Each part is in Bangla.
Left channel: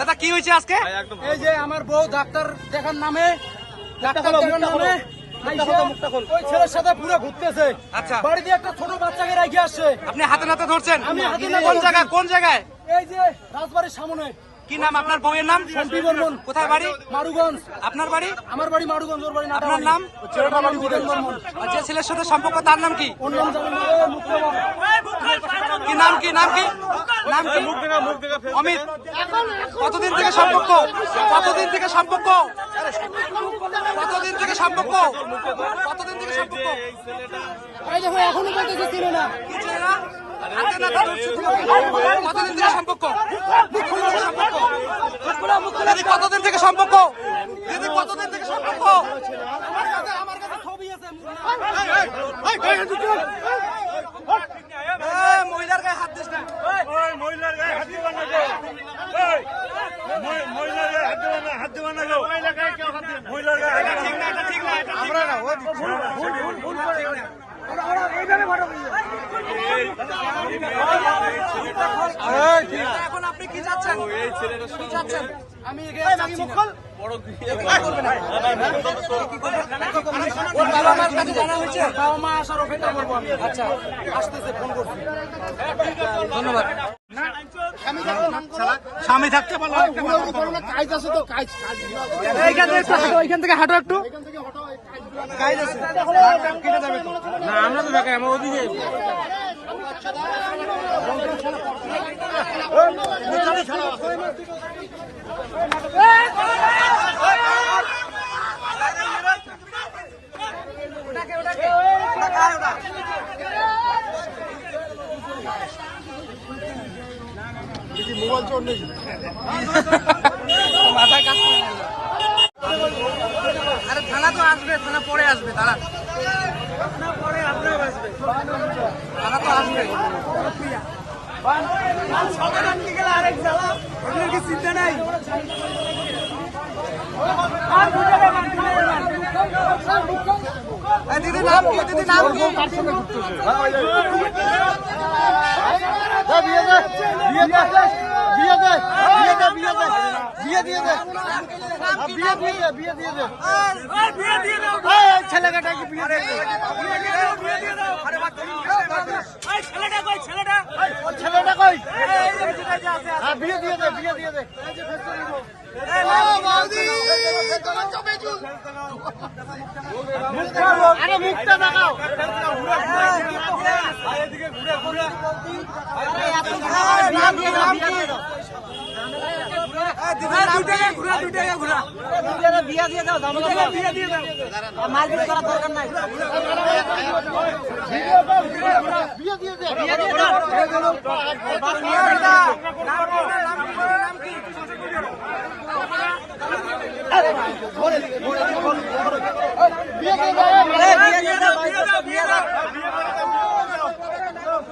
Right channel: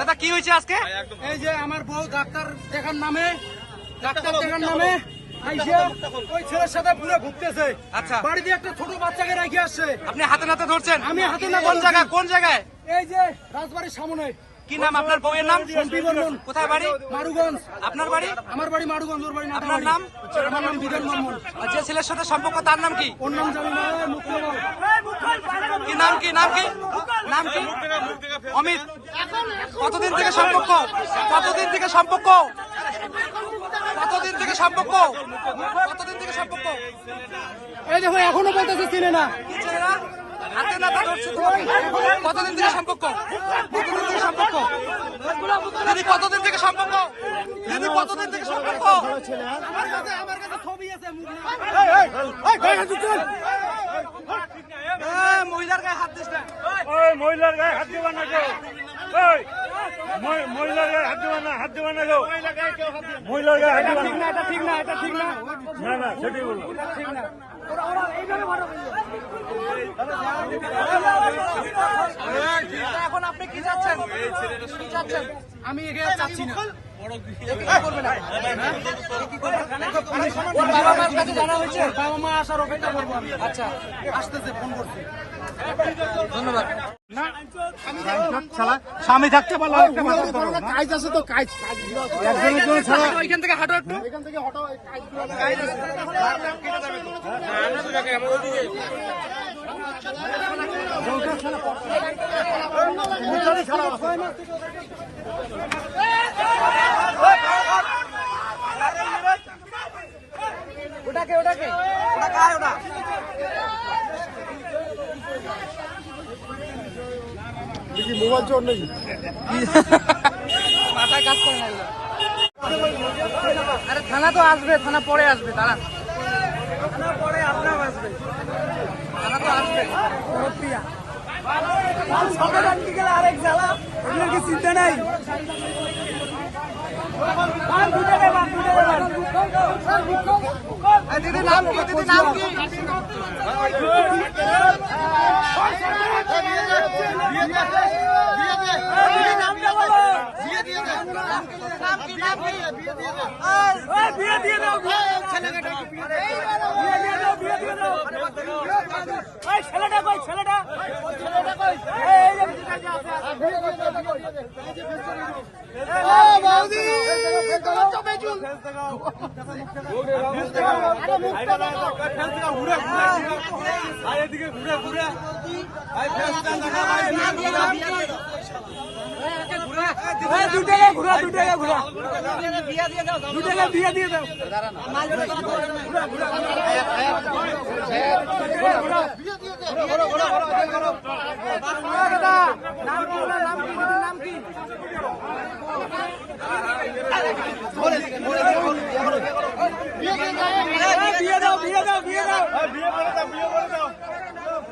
দাদা কি হয়েছে আজকে? এই যে আমার বউ ডাক্তার দেখার নামে ওই ছেলের সাথে পুরো ঘুরতেছে। আচ্ছা, বাড়িতে একটা ছোট বাচ্চাকে রেখে আসছে। আপনি হাতে নাতে ধরছেন? আমি হাতে নাতে কোন জায়গায়? কোন জায়গায়? এই যে রাজবাড়ির সামনে। কি নাম আপনার বউয়ের নাম? শান্তি বর্মন। কোথায় বাড়ি? মারুগঞ্জ। আপনার বাড়ি? আমার বাড়ি মারুগঞ্জ, ওর বাড়ি না। আপনার নাম? আমার নাম বিধান বর্মন। আর যে ছেলের সাথে সম্পর্ক তার নাম কি? ওর নাম জানি না, মুক্তমল। কি নাম? কি নাম? কি নাম? কি অমিত? কতদিন থেকে সম্পর্ক? কতদিন থেকে সম্পর্ক? কতদিন থেকে সম্পর্ক? কতদিন থেকে সম্পর্ক? এই দেখুন এখনো বলতেছে চিনি না। কি ছেলে না? হাতে নাতে ধরছে তোমাকে। কতদিন থেকে সম্পর্ক? সম্পর্ক দিদি, কতদিন থেকে সম্পর্ক? দিদি, কতদিন থেকে সম্পর্ক? আমার কাছে ছবি আছে। মহিলার গায়ে হাত দিস না। মহিলার গায়ে হাত দিবা না গো। মহিলার গায়ে হাত দিবা না, হাত দিবা না গো। মহিলার গায়ে হাত ঠিক না, এটা ঠিক না, এটা ঠিক না। এখন আপনি কি চাচ্ছেন? কি চাচ্ছেন? আমি এখানে চাচ্ছি না। ওর বাবা মার কাছে জানা হয়েছে? বাবা মা আসার অপেক্ষা করবো আমি। আচ্ছা, আসতেছে, ফোন করছি। ধন্যবাদ। স্বামী থাকতে বলো। কাজ আছে তো, কাজ। ওইখান থেকে হাঁটো একটু। কাজ আছে, কেটে যাবে তো। না, আমরা তো ঢাকায়, আমার ওদিকে। ওটাকে ওটা কার? ওটা মাথায় কাজ করে না। আরে থানা তো আসবে, থানা পরে আসবে, দাঁড়ান। থানা তো আসবে। দিদি নাম কি? দিদি নাম কি?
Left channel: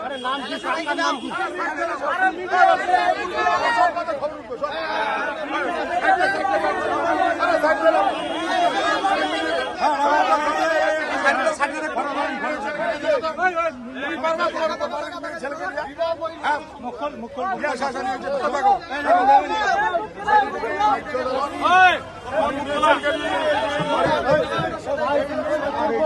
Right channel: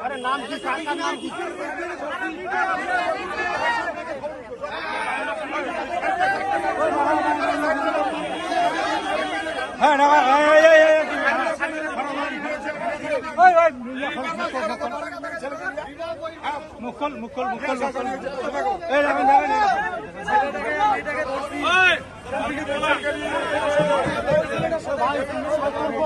আরে নাম কি? কাকার নাম কি? মুখল